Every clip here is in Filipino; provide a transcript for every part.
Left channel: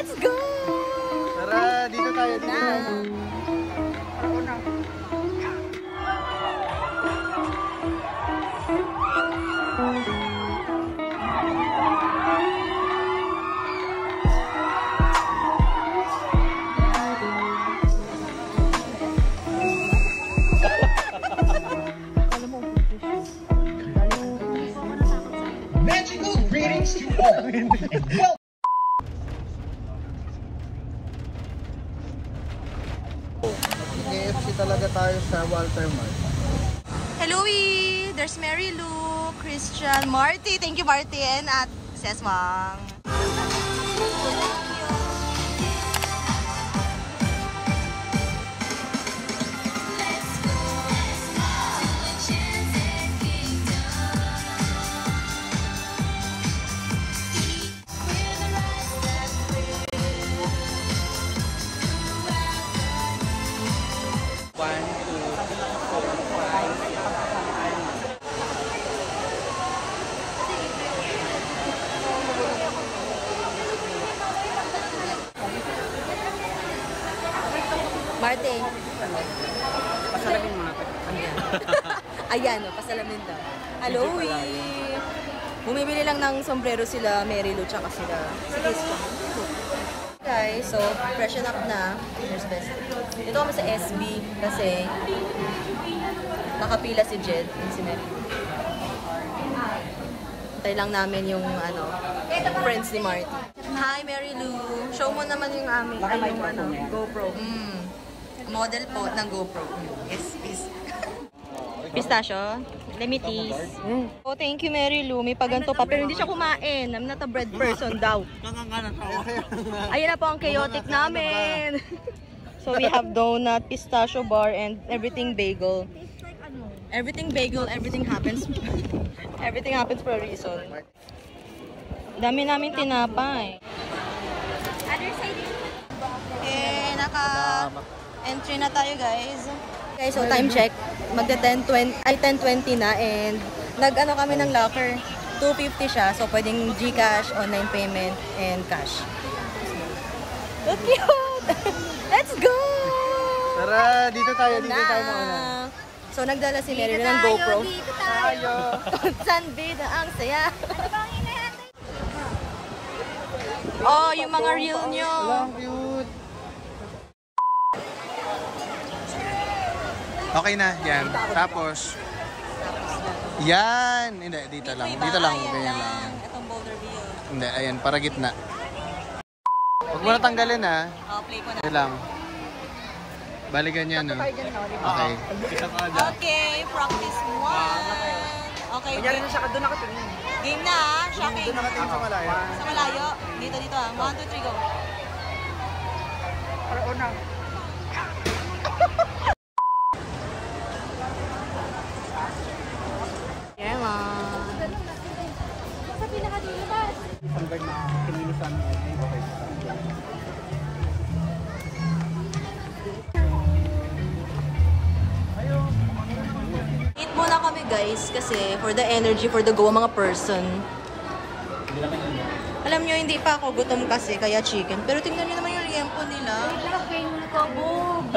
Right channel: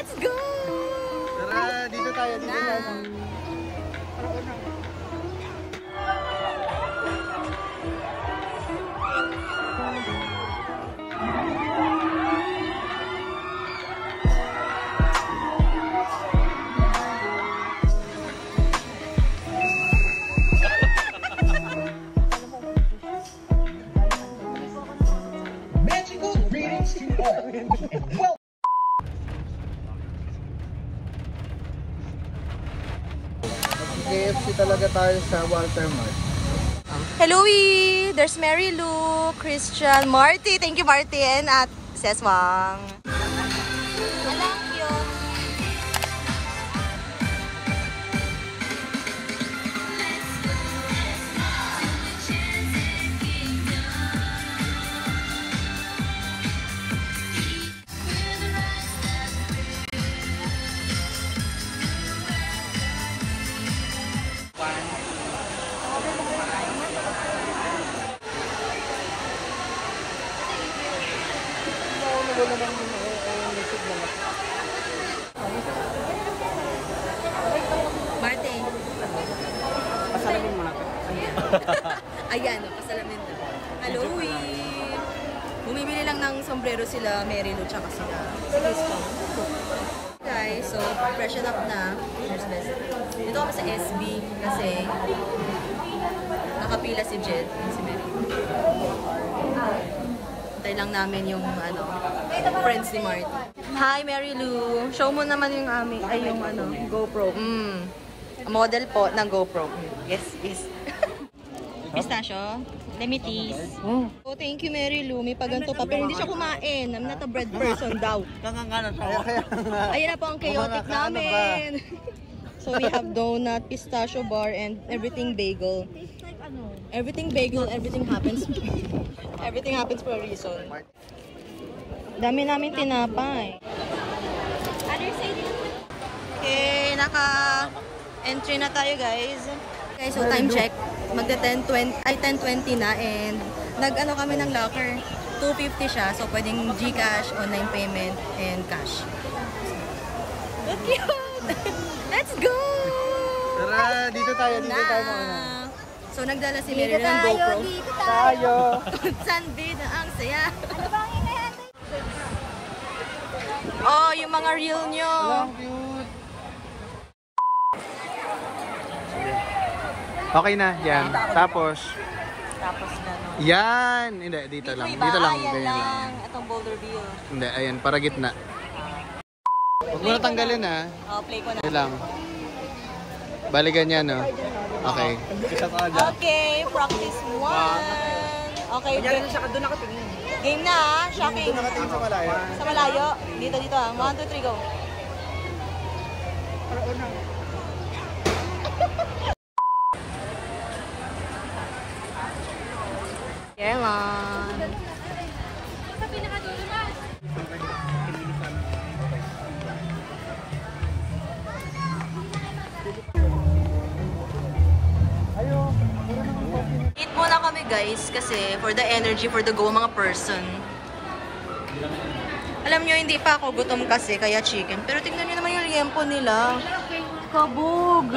Let's go! Tara, dito tayo. Na. KFC talaga tayo sa Walter. Hello, there's Mary Lou, Christian, Marty. Thank you, Martin, at Seswang. Martin. Pasalamin mo na pa. Ayan, pasalamin na. Hello, bumibili lang ng sombrero sila, Mary Lou, tsaka sila. Guys, so, freshen up na. Here's best. Dito kami sa SB kasi nakapila si Jed. Hintay lang namin yung friends ni Marty. Hi, Mary Lou. Show mo naman yung aming, yung GoPro. Model po ng GoPro. Yes, yes. Pistachio. Let me tease. Oh, thank you, Mary Lou. May paganto pa. Pero hindi siya kumain. I'm not a bread person daw. Ayan na po ang chaotic namin. So, we have donut, pistachio bar, and everything bagel. Everything bagel, everything happens. Everything happens for a reason. Dami namin tinapay. Okay, naka-entry na tayo, guys. Okay, so time check. Magda 10:20 na and nag-ano kami ng locker. 250 siya, so pwedeng GCash, online payment, and cash. So cute! Let's go! Tara, dito tayo. Dito tayo. So nagdala si Mary ng GoPro. Dito tayo. Sanbida ang saya. Oh, yung mga reel nyo. Walang cute. Okay na, yan. Tapos yan. Hindi, dito lang. Dito lang, ganyan lang. Itong boulder view. Hindi, ayan, para gitna. Huwag mo na tanggalin, ha? Oh, play ko na. Ito lang. Bali ganyan, no? Okay. Okay, practice 1. Okay, Ganyan na siya, doon nakatingin. game na, shocking. Doon nakatingin sa malayo. Sa malayo. Dito, 1, 2, 3, go. Para unang. Yeah, man. Sa pinakadulas. Eat muna kami, guys, kasi for the energy, for the go, mga person. Alam nyo, hindi pa ako gutom kasi, kaya chicken. Pero tingnan nyo naman yung liempo nila. Kabog!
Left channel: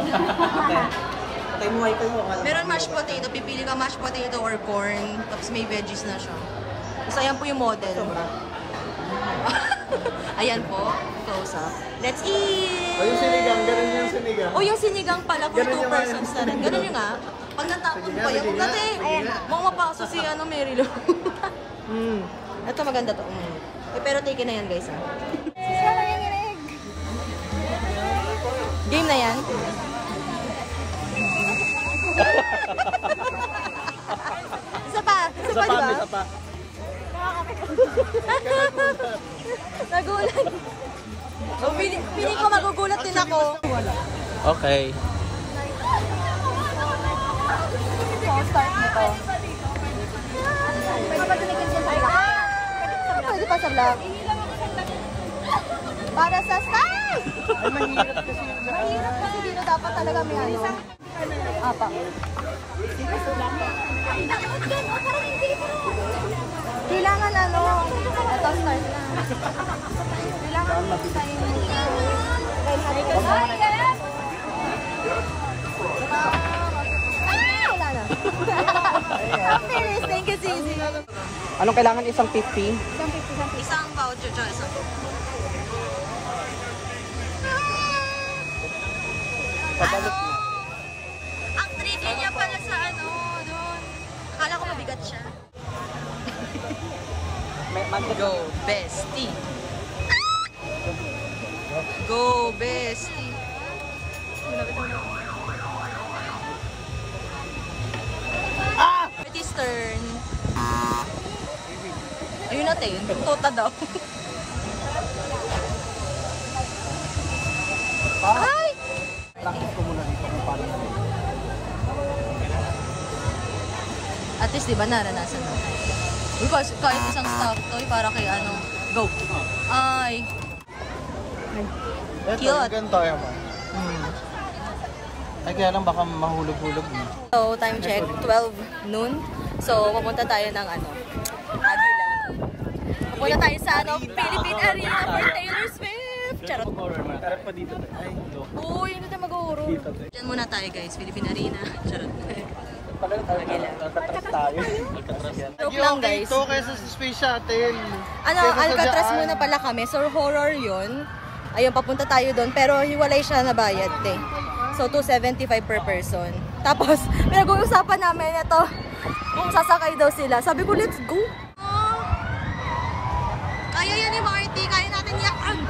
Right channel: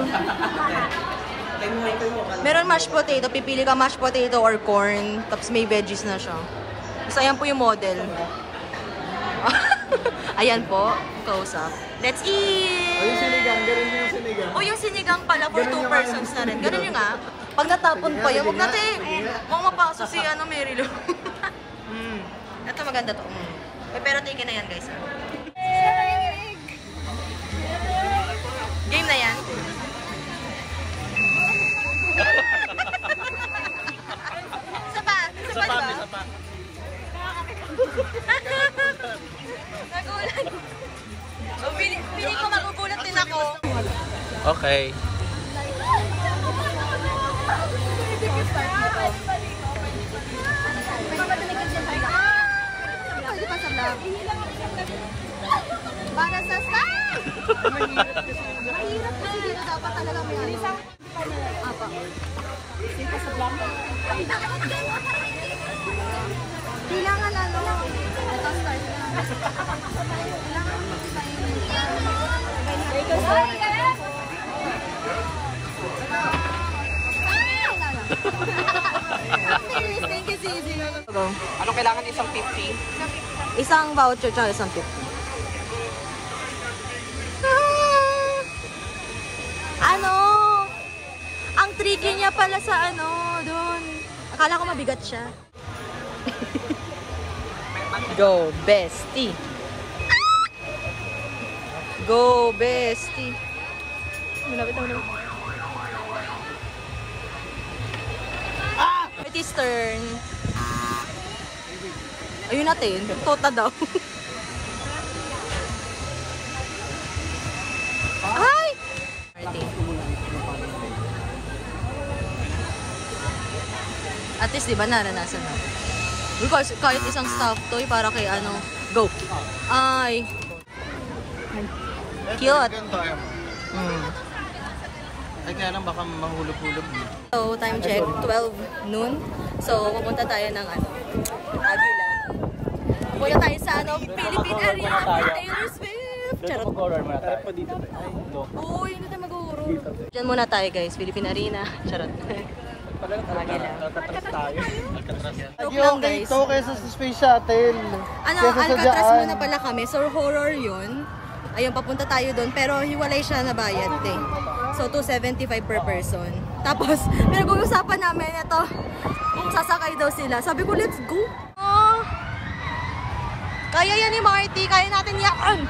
Meron mashed potato. Pipili ka mashed potato or corn. Tapos may veggies na siya. Tapos ayan po yung model. Ayan po. Close up. Let's eat! O yung sinigang, ganun yung sinigang. O yung sinigang pala for 2 persons na rin. Ganun yung nga. Pag natapon pa yan, huwag natin. Mukhang mapaso si Mary Lou. Ito maganda to. Pero take na yan, guys. Game na yan. Isa pa, diba? Nagulat. Piling ko magugulat din ako. Okay. Start mo ko. Pwede pa sa lab. Para sa style! Mahirap kasi dito dapat talaga may ano. Apa. Dito sa blank. Kailangan ano. Ito start na. Kailangan mag-style na. Yes, thank you, Sisi. Anong kailangan? Isang 50? Isang voucher tsaka isang tip. Ano? Ang tricky niya pala sa ano, doon. Akala ko mabigat siya. Go, bestie. Go, bestie. Malapit ako na. It is turn. Ayun natin. Tota daw. Ay! At least, di ba, naranasan na. Kahit isang stuffed toy para kay ano. Go! Ay! Cute! Ay, kaya lang baka mahulog-hulog mo. So, time check, 12 noon. So, papunta tayo ng ano, Aguila. Papunta tayo sa ano, Philippine Arena for Taylor Swift. Charot. Uy, hindi tayo mag-uuro. Diyan muna tayo guys, Philippine Arena. Charot. Aguila. Joke lang guys. Ito kaysa sa Space Shuttle. Ano, Alcatraz muna pala kami. So, horror yun. Ayun, papunta tayo doon. Pero hiwalay siya na bayad eh. So, $275 per person. Tapos, pinag-uusapan namin ito. Kung sasakay daw sila. Sabi ko, let's go. Oh, kaya yan ni Marty. Kaya natin yan.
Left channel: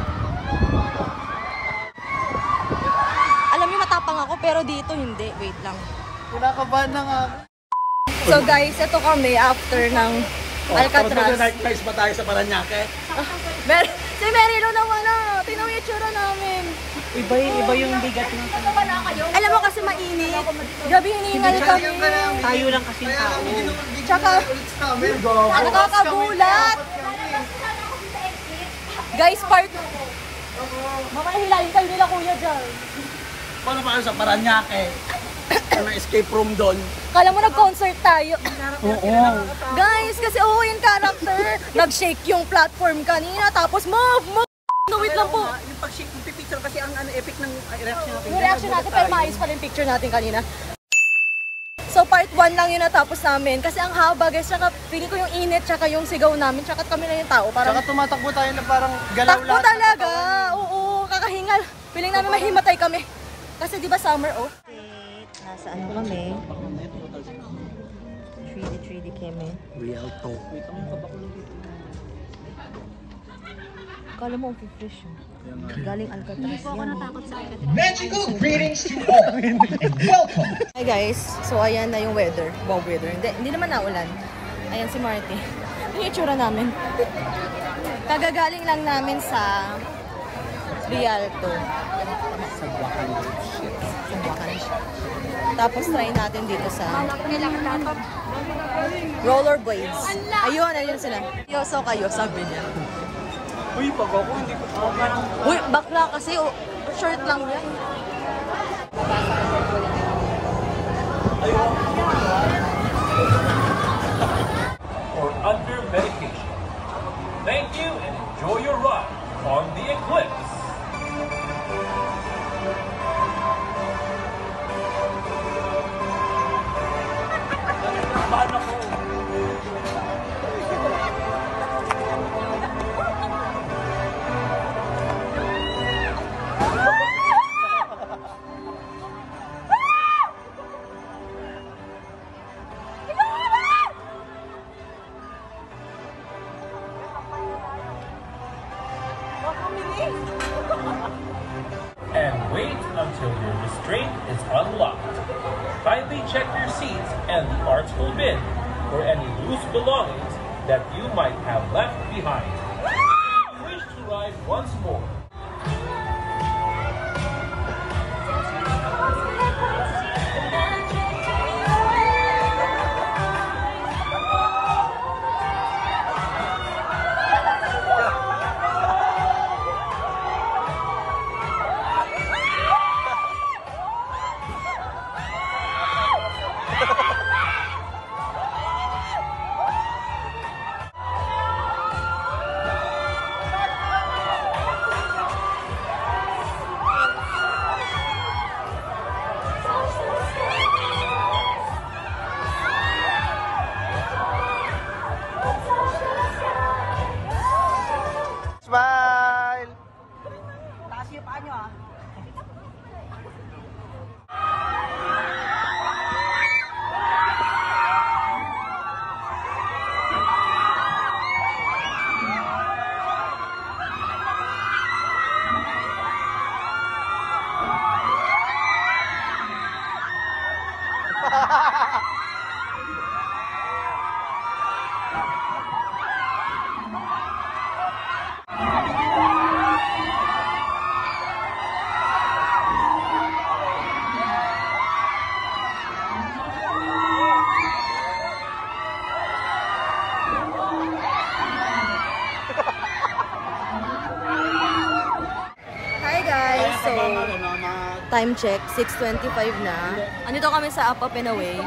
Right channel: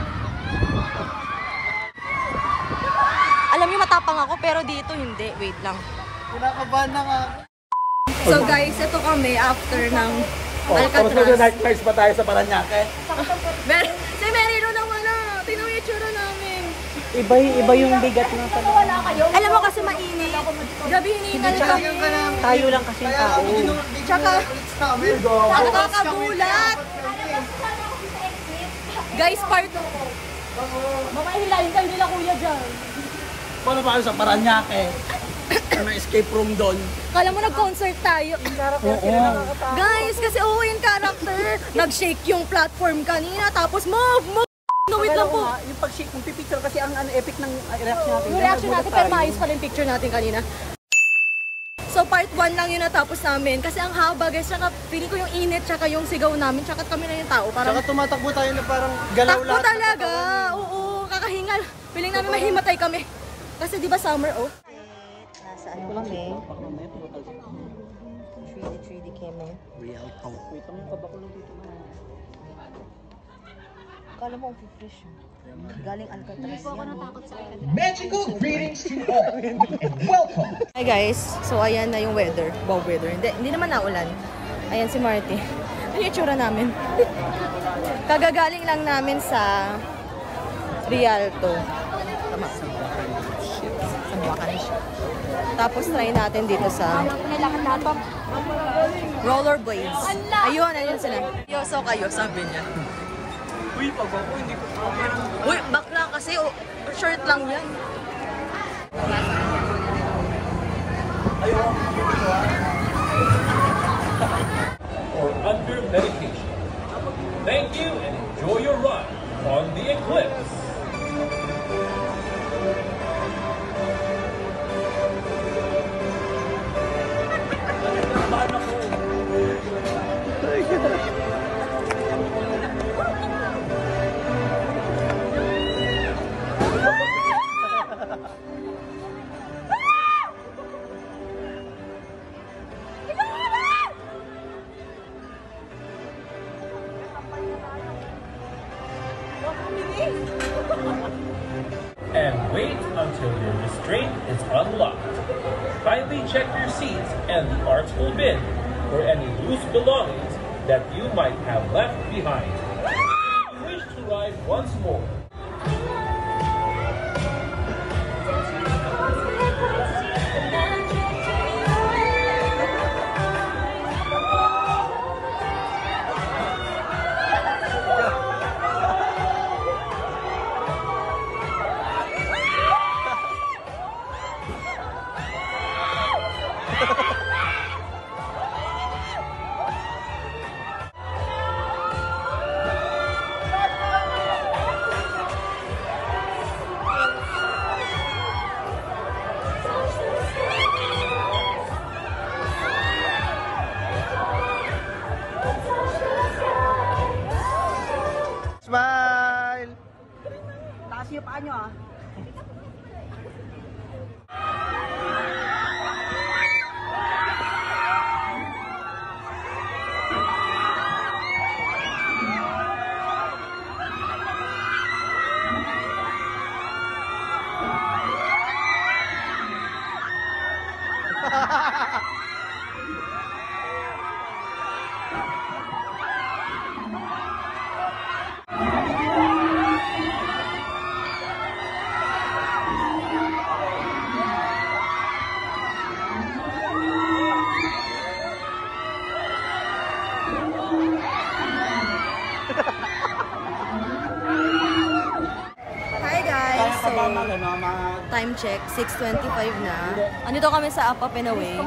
Alam niyo, matapang ako. Pero dito, hindi. Wait lang. Kinakabahan na nga. So, guys, ito kami after ng Alcatraz. Guys, ba tayo sa Paranaque? Si Mary Lou naman na. Tingnan mo yung tsura namin. Iba yung bigat ng tanong. Alam mo kasi mainit. Gabi hiningal kami. Tayo lang kasi. Tsaka, nakakagulat. Guys, part 2. Mamahilahin kayo nila kuya dyan. Paano ba sa Paranaque? Escape room doon. Kala mo nag-concert tayo. Guys, kasi yung character. Nag-shake yung platform kanina. Tapos move. No, wait lang po. Yung pag-shake, yung pipicture kasi ang epic ng reaction natin. Yung reaction natin, pero maayos pa rin picture natin kanina. So, part 1 lang yung natapos namin. Kasi ang haba, guys. Tsaka, feeling ko yung init, tsaka yung sigaw namin. Tsaka kami na yung tao. Parang, Tsaka tumatakbo tayo na parang galaw takbo talaga. Oo, kakahingal. Feeling namin mahimatay kami. Kasi di ba summer, oh? Nasa ano kami? 3D kami. Real talk. Kala mo, fish. Galing Alcatraz. Hindi po ako natakot sa Alcatraz. Magical greetings to all and welcome. Hi guys, so ayan na yung weather. Wow, weather. Hindi naman naulan. Ayan si Marty. Yung itsura namin. Kagagaling lang namin sa Rialto. Tama. Sa Buacan. Tapos try natin dito sa rollerblades. Ayun sila. Yoso kayo, sabi niya. Uy, pagbaboy, hindi ko parang... Uy, bakla kasi. Short lang yan. Or under medication. Thank you and enjoy your ride on the Eclipse. And wait until your restraint is unlocked. Kindly check your seats and the artful bin for any loose belongings that you might have left behind. If you wish to ride once more, So, time check, 6:25 na. Andito kami sa Up Up and Away.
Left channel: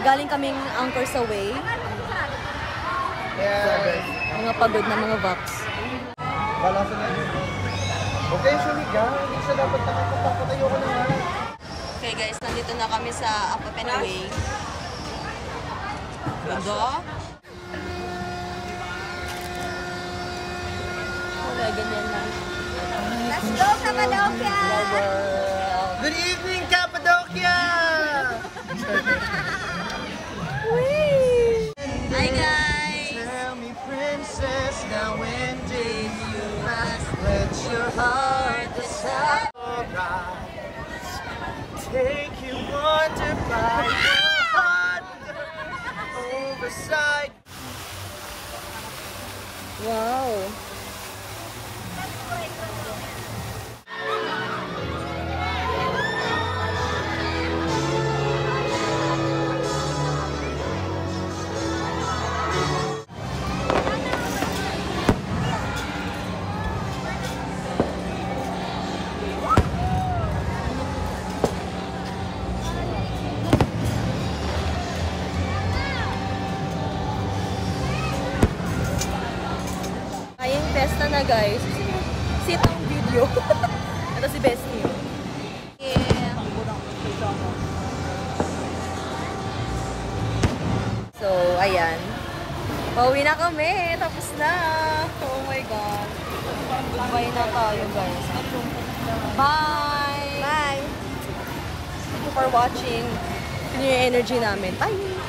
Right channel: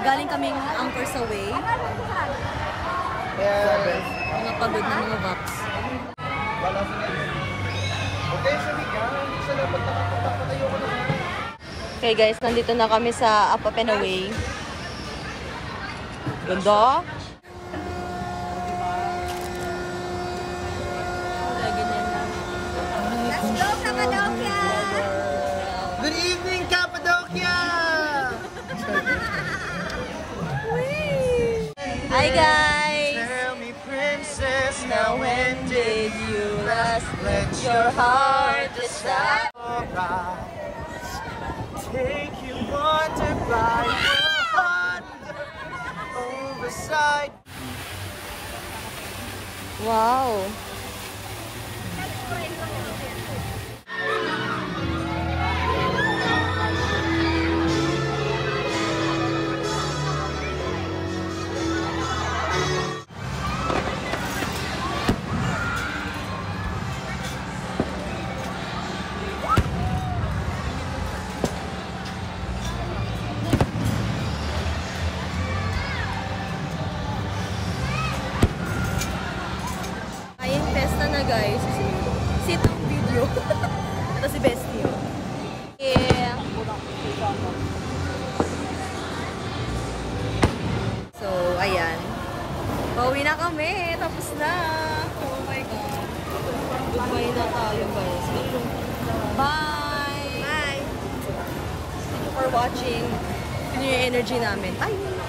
Galing kaming Anchors Away. Mga pagod na mga vax. Okay guys, nandito na kami sa Up Up and Away. Ganda. Ganyan lang. Let's go, Cappadocia! Good evening, Cappadocia! Hi guys! Tell me, princess, now when did you last Let your heart decide. take you wonder by your heart overside? Wow! Ayun, festa na guys. Sit ang video. Ito si Bestie yun. Yeah. So, ayan. Pauwi na kami. Tapos na. Oh my God. Goodbye na tayo guys. Bye! Bye! Thank you for watching. Yun yung energy namin. Bye!